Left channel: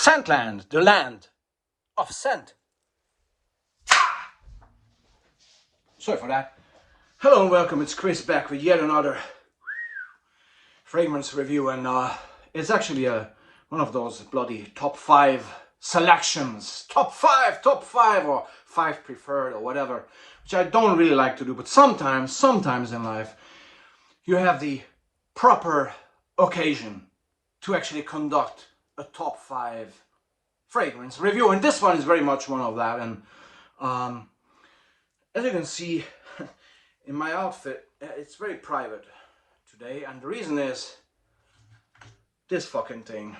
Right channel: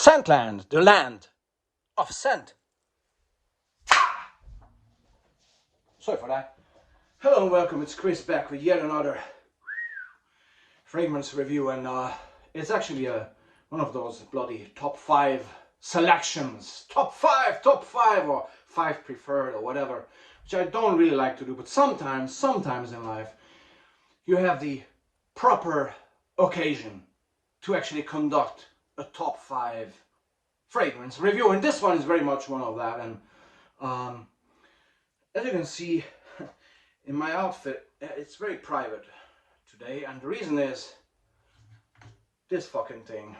Scentland, the land of scent. Sorry for that. Hello and welcome, it's Chris back with yet another fragrance review, and it's actually one of those bloody top 5 selections. Top 5 or 5 preferred or whatever, which I don't really like to do, but sometimes in life you have the proper occasion to actually conduct a top 5 fragrance review, and this one is very much one of that. And as you can see in my outfit, it's very private today, and the reason is this fucking thing.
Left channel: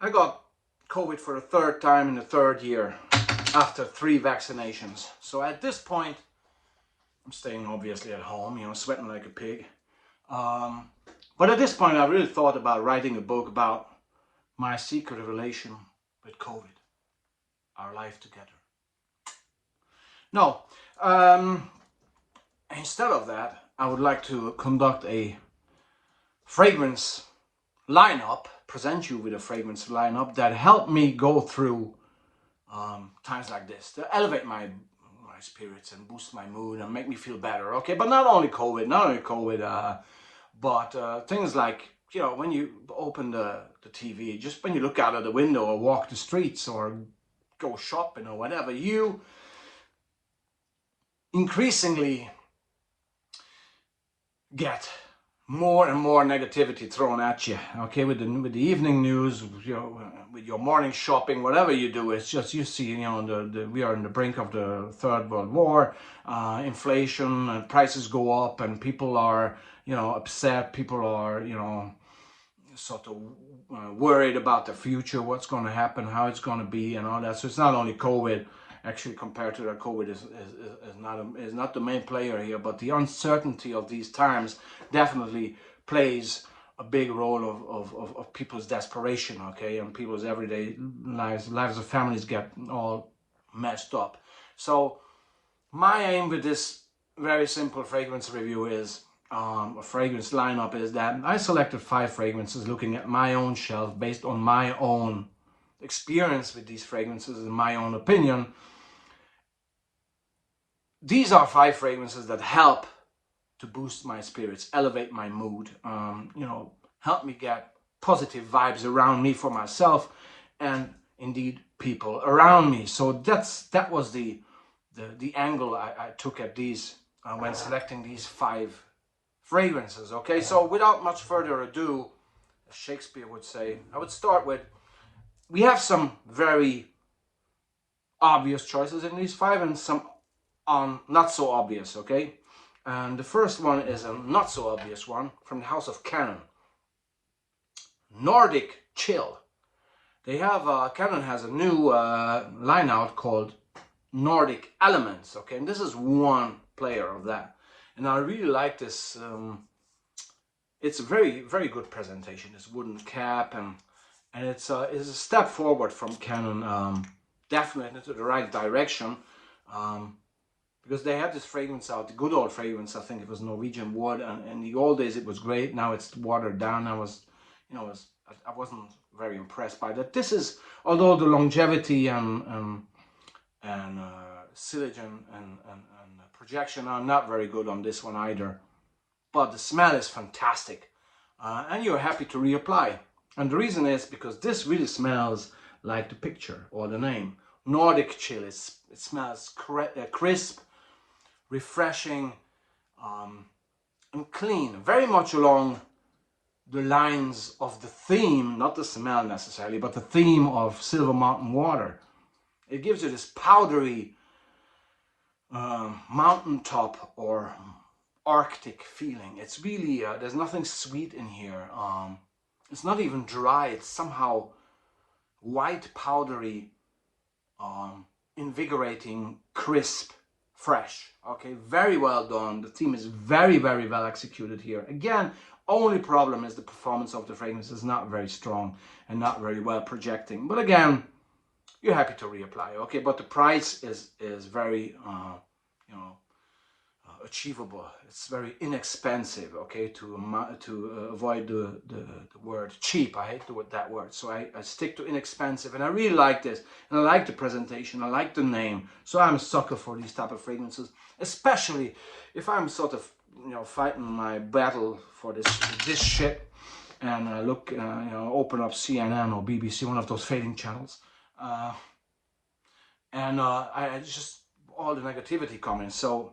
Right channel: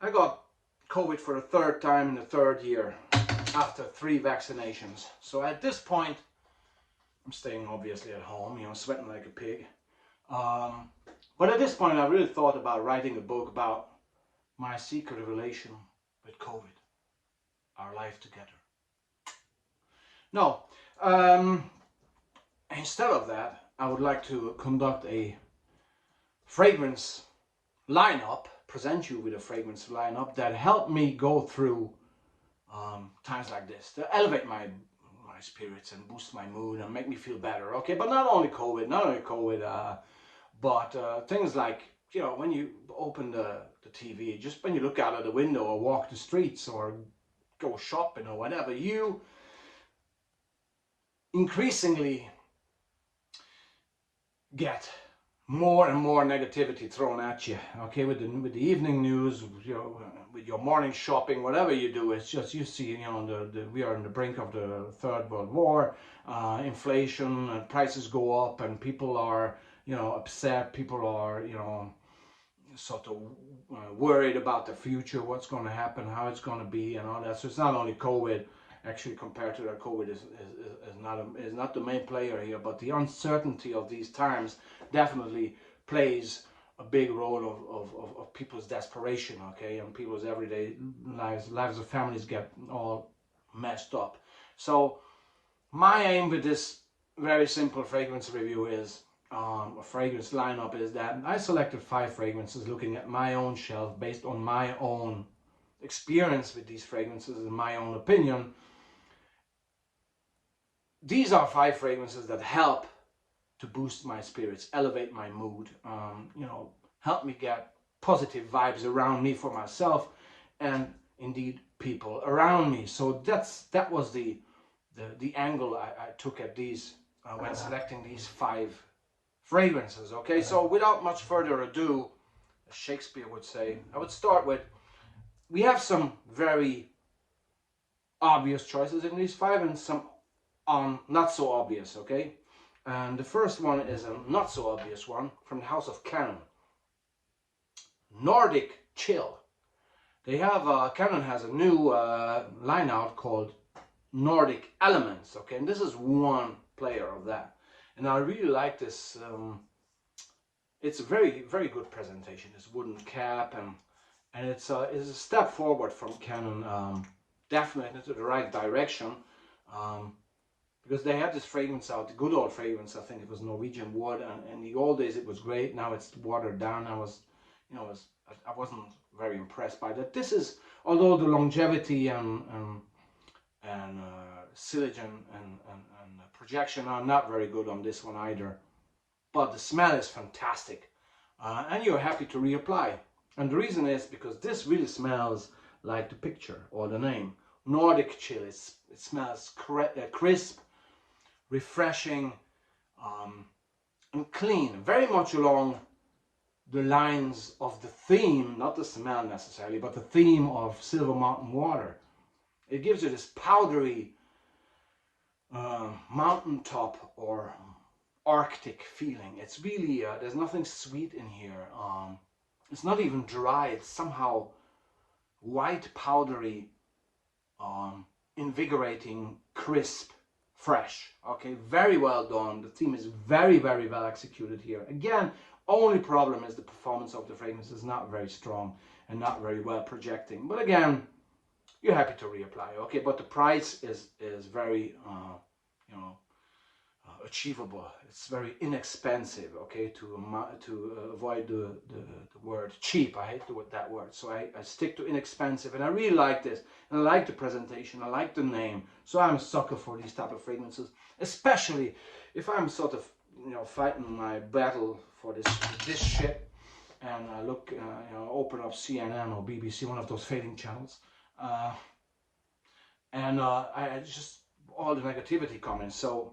I got COVID for the 3rd time in the 3rd year after 3 vaccinations. So at this point, I'm staying obviously at home, you know, sweating like a pig. But at this point, I really thought about writing a book about my secret relation with COVID, our life together. No, instead of that, I would like to conduct a fragrance lineup, present you with a fragrance lineup that helped me go through times like this, to elevate my spirits and boost my mood and make me feel better. Okay, but not only COVID, but things like, you know, when you open the TV, just when you look out of the window or walk the streets or go shopping or whatever, you increasingly get more and more negativity thrown at you. Okay, with the evening news, you know, with your morning shopping, whatever you do, it's just, you see, you know, we are on the brink of the 3rd World War, inflation and prices go up, and people are, you know, upset. People are, you know, sort of worried about the future, what's going to happen, how it's going to be, and all that. So it's not only COVID. Actually, compared to that, COVID is not the main player here, but the uncertainty of these times definitely plays a big role of people's desperation, okay, and people's everyday lives of families get all messed up. So my aim with this very simple fragrance review is, a fragrance lineup, is that I selected 5 fragrances looking at my own shelf based on my own experience with these fragrances and my own opinion. These are 5 fragrances that help to boost my spirits, elevate my mood, you know, help me get positive vibes around me for myself and indeed people around me. So that was the angle I took at these when selecting these 5 fragrances. Okay, so without much further ado, as Shakespeare would say, I would start with, we have some very obvious choices in these 5 and some not so obvious, okay? And the first one is a not so obvious one from the house of Klein. Nordic Chill. They have, Klein has a new line out called Nordic Elements, okay? And this is one player of that. And I really like this. It's a very, very good presentation. This wooden cap, and it's a step forward from Klein, definitely into the right direction. Because they had this fragrance out, the good old fragrance, I think it was Norwegian wood, and in the old days it was great. Now it's watered down. I wasn't very impressed by that. This is, although the longevity and sillage and projection are not very good on this one either, but the smell is fantastic, and you're happy to reapply. And the reason is because this really smells like the picture or the name, Nordic Chill. It smells crisp, refreshing, and clean, very much along the lines of the theme, not the smell necessarily, but the theme of Silver Mountain Water. It gives you this powdery mountaintop or Arctic feeling. It's really, there's nothing sweet in here. It's not even dry. It's somehow white, powdery, invigorating, crisp, fresh. Okay, very well done. The theme is very, very well executed here. Again, only problem is the performance of the fragrance is not very strong and not very well projecting. But again, you're happy to reapply. Okay, but the price is very, you know, achievable. It's very inexpensive, okay, to avoid the word cheap. I hate that word, so I stick to inexpensive, and I really like this, and I like the presentation, I like the name, so I'm a sucker for these type of fragrances, especially if I'm sort of, you know, fighting my battle for this shit, and I look, you know, open up CNN or BBC, one of those fading channels, and I just, all the negativity coming, so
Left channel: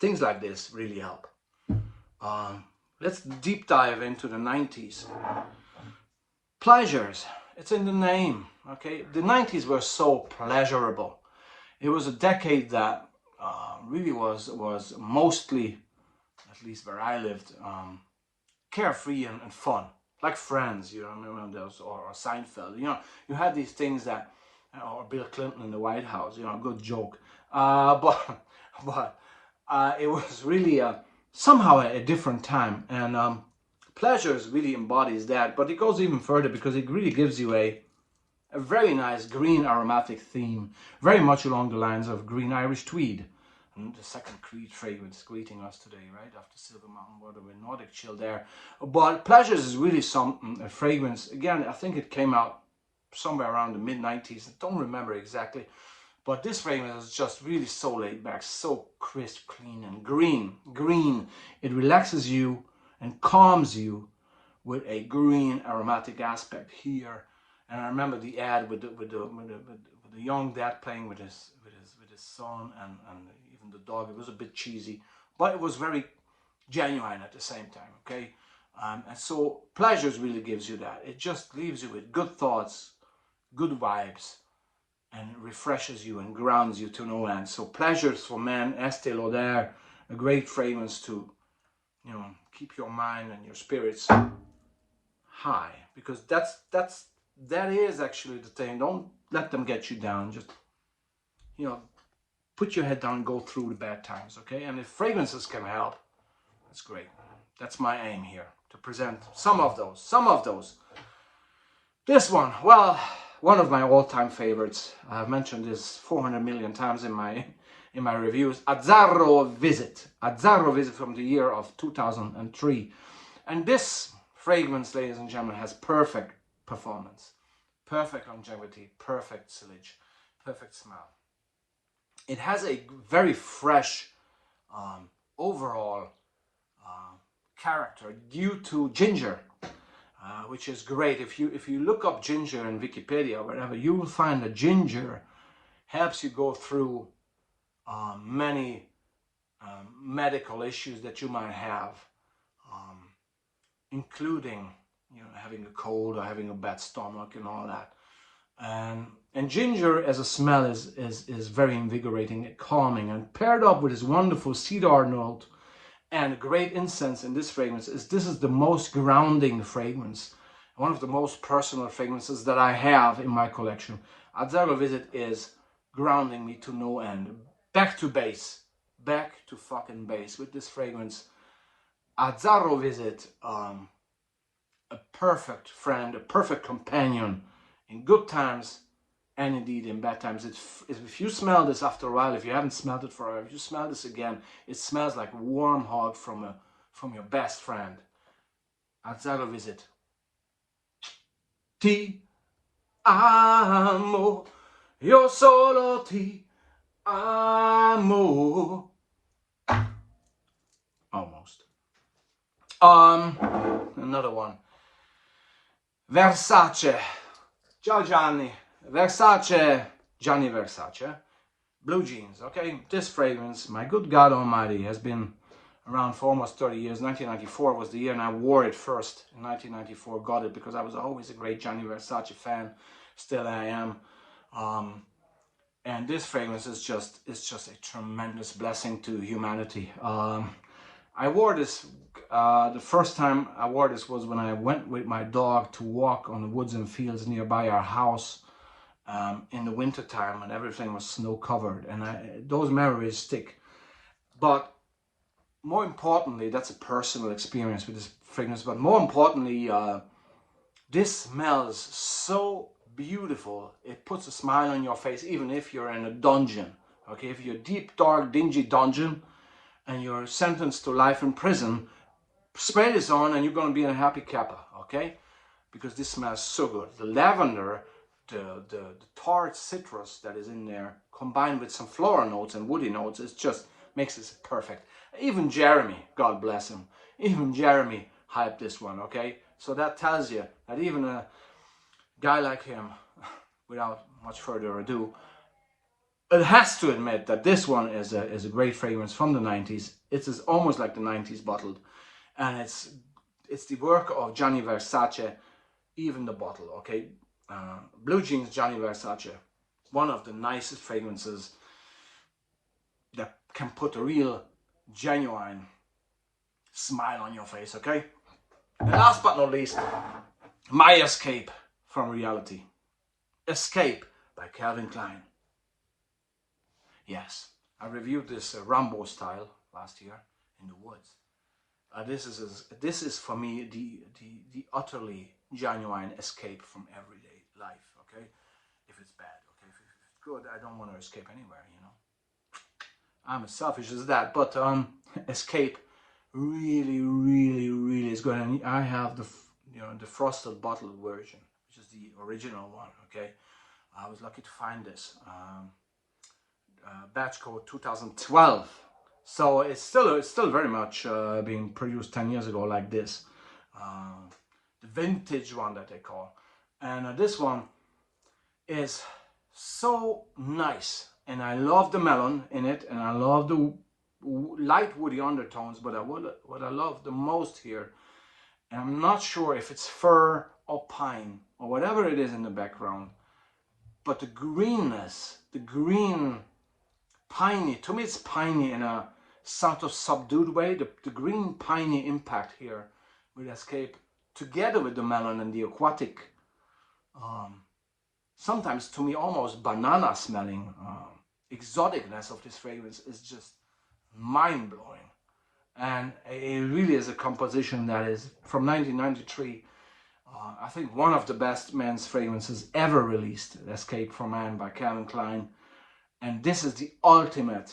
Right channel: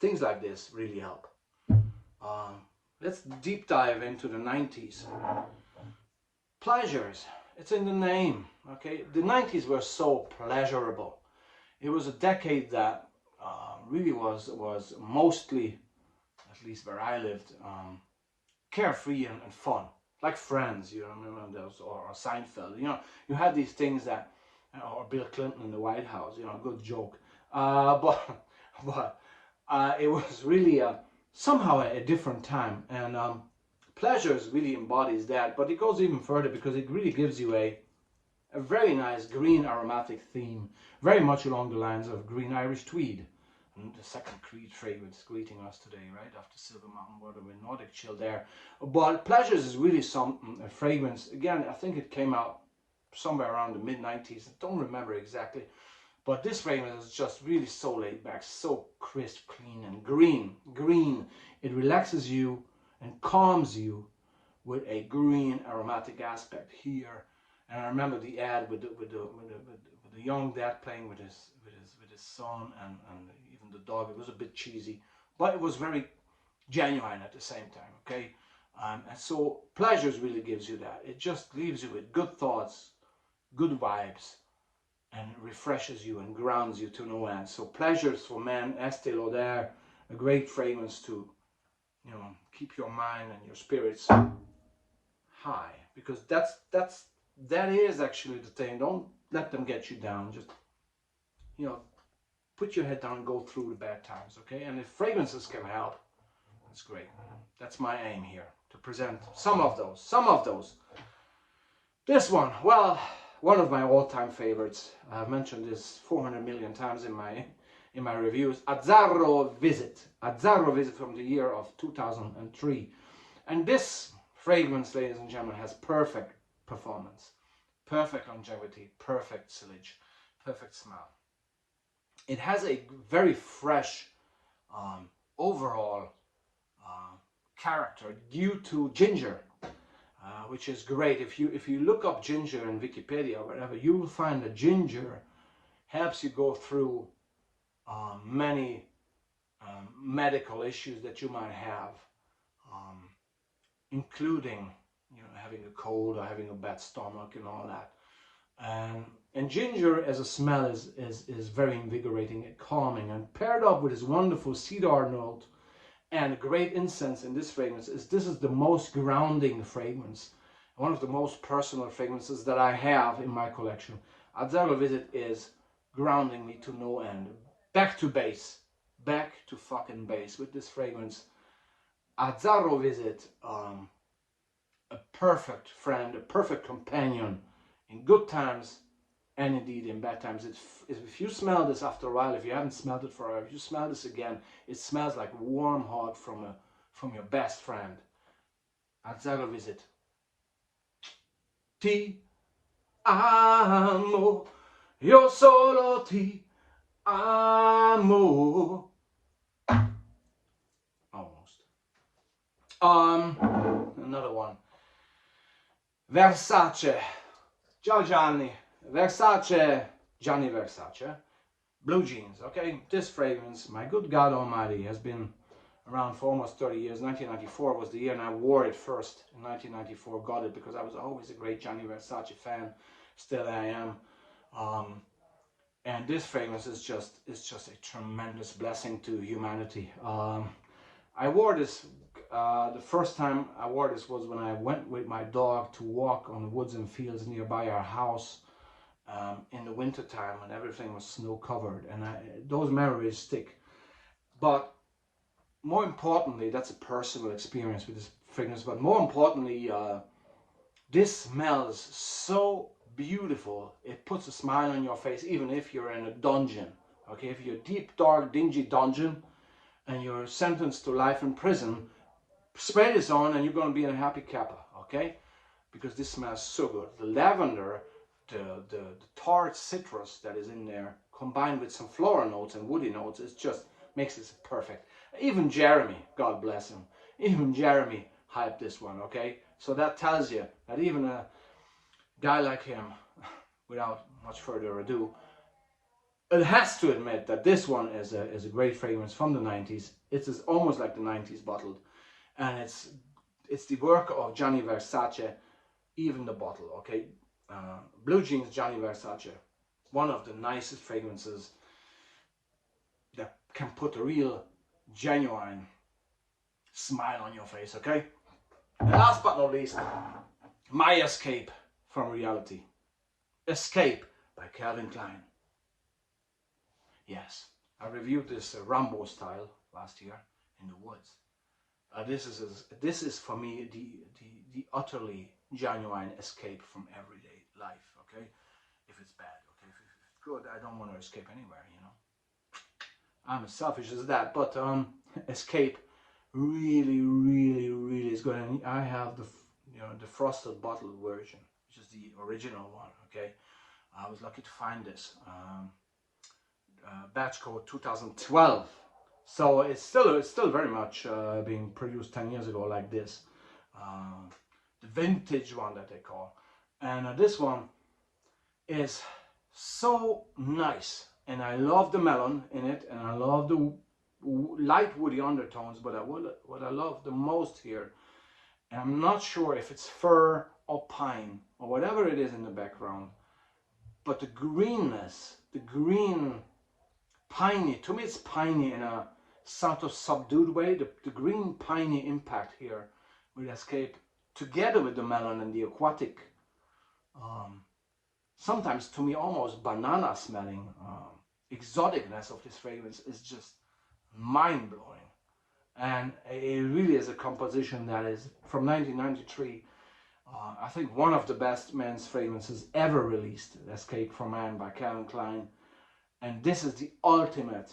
things like this really help. Let's deep dive into the 90s. Pleasures, it's in the name, okay? The 90s were so pleasurable. It was a decade that really was mostly, at least where I lived, carefree and fun. Like Friends, you know, remember those, or Seinfeld, you know, you had these things that, or Bill Clinton in the White House, you know, good joke. But it was really somehow a different time, and Pleasures really embodies that, but it goes even further because it really gives you a very nice green aromatic theme, very much along the lines of green Irish tweed. And the second Creed fragrance greeting us today, right after Silver Mountain Water with Nordic Chill there. But Pleasures is really something, a fragrance. Again, I think it came out somewhere around the mid-90s. I don't remember exactly. But this fragrance is just really so laid back, so crisp, clean, and green. Green, it relaxes you and calms you with a green aromatic aspect here. And I remember the ad with the young dad playing with his son and even the dog. It was a bit cheesy, but it was very genuine at the same time. Okay, and so Pleasures really gives you that. It just leaves you with good thoughts, good vibes, and refreshes you and grounds you to no end. So Pleasures for men, Estee Lauder, a great fragrance to, you know, keep your mind and your spirits high, because that is actually the thing. Don't let them get you down. Just, you know, put your head down and go through the bad times, okay? And if fragrances can help, that's great. That's my aim here, to present some of those. This one, well, one of my all-time favorites. I've mentioned this 400 million times in my reviews. Zara Visit. Zara Visit from the year of 2003. And this fragrance, ladies and gentlemen, has perfect performance, perfect longevity, perfect sillage, perfect smell. It has a very fresh overall character due to ginger, which is great. If you look up ginger in Wikipedia or wherever, you will find that ginger helps you go through many medical issues that you might have, including, you know, having a cold or having a bad stomach and all that. And ginger as a smell is very invigorating and calming, and paired up with this wonderful cedar note and great incense in this fragrance, this is the most grounding fragrance, one of the most personal fragrances that I have in my collection. Zara Visit is grounding me to no end. Back to base, back to fucking base with this fragrance. Zara Visit, a perfect friend, a perfect companion in good times and indeed in bad times. If you smell this after a while, if you haven't smelled it for a while, if you smell this again, it smells like a warm hug from your best friend. Zara Visit. Ti amo, yo solo ti amo. Almost. Another one. Versace. Ciao Gianni. Gianni Versace. Blue jeans, okay? This fragrance, my good God Almighty, has been around for almost 30 years. 1994 was the year, and I wore it first in 1994. Got it because I was always a great Gianni Versace fan. Still I am. And this fragrance is just a tremendous blessing to humanity. I wore this, the first time I wore this was when I went with my dog to walk on the woods and fields nearby our house in the winter time, and everything was snow covered, and those memories stick. But more importantly, that's a personal experience with this fragrance, but more importantly, this smells so beautiful. It puts a smile on your face even if you're in a dungeon, okay? If you're a deep, dark, dingy dungeon, and you're sentenced to life in prison, spray this on and you're going to be in a happy kappa, okay? Because this smells so good. The lavender, the tart citrus that is in there, combined with some floral notes and woody notes, it just makes this perfect. Even Jeremy, God bless him, even Jeremy hyped this one, okay? So that tells you that even a guy like him, without much further ado, it has to admit that this one is a great fragrance from the 90s. It's almost like the 90s bottled, and it's the work of Gianni Versace, even the bottle, okay? Blue Jeans Gianni Versace, one of the nicest fragrances that can put a real, genuine smile on your face, okay? And last but not least, my escape from reality. Escape by Calvin Klein. Yes, I reviewed this Rambo style last year in the woods. This is for me the utterly genuine escape from everyday life, okay? If it's bad, okay? If it's good, I don't want to escape anywhere, you know? I'm as selfish as that, but escape really, really, really is good. And I have the frosted bottle version, which is the original one, okay? I was lucky to find this. Batch code 2012. So it's still very much being produced 10 years ago like this. The vintage one that they call. And this one is so nice. And I love the melon in it, and I love the light woody undertones, but what I love the most here, and I'm not sure if it's fir or pine or whatever it is in the background, but the greenness, the green piney, to me it's piney in a sort of subdued way, the green piney impact here with Escape, together with the melon and the aquatic, sometimes to me almost banana smelling exoticness of this fragrance is just mind-blowing. And it really is a composition that is from 1993. I think one of the best men's fragrances ever released, Escape from Man by Calvin Klein. And this is the ultimate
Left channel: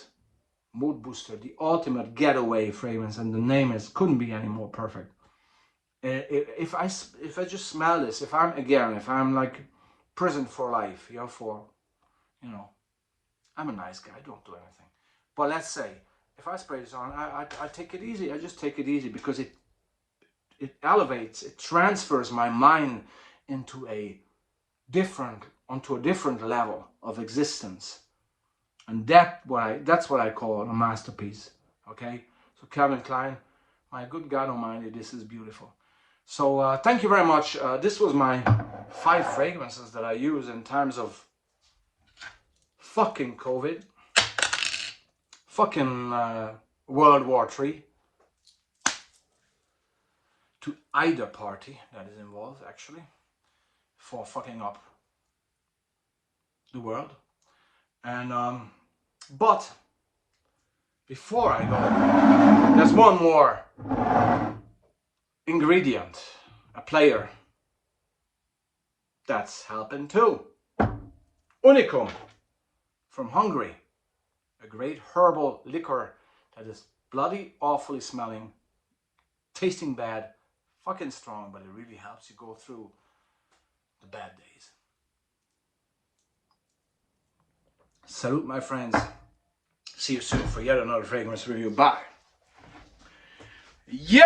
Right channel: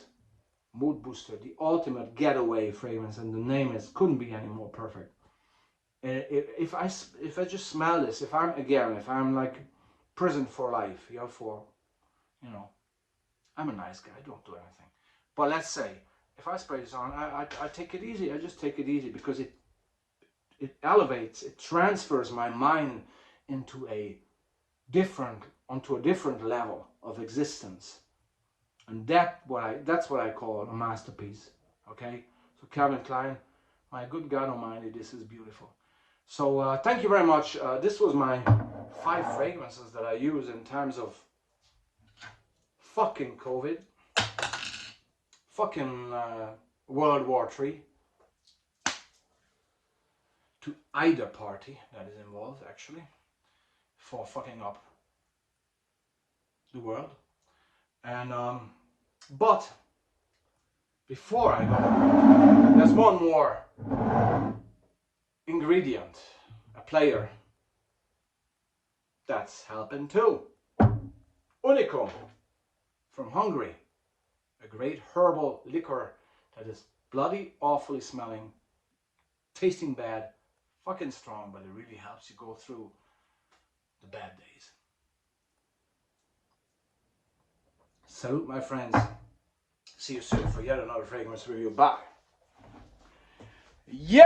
mood booster, the ultimate getaway fragrance, and the name couldn't be any more perfect. If I just smell this, if I'm like prison for life, I'm a nice guy, I don't do anything. But let's say, if I spray this on, I take it easy. I just take it easy because it elevates, it transfers my mind onto a different level of existence. And that's what I call a masterpiece, okay? So Calvin Klein, my good God Almighty, this is beautiful. So thank you very much. This was my 5 fragrances that I use in terms of fucking COVID, fucking World War III, to either party that is involved actually, for fucking up the world. And but before I go, there's one more ingredient, a player that's helping too. Unicum from Hungary, a great herbal liquor that is bloody awfully smelling, tasting bad, fucking strong, but it really helps you go through the bad days. Salute, my friends. See you soon for yet another fragrance review. Bye. Yeah!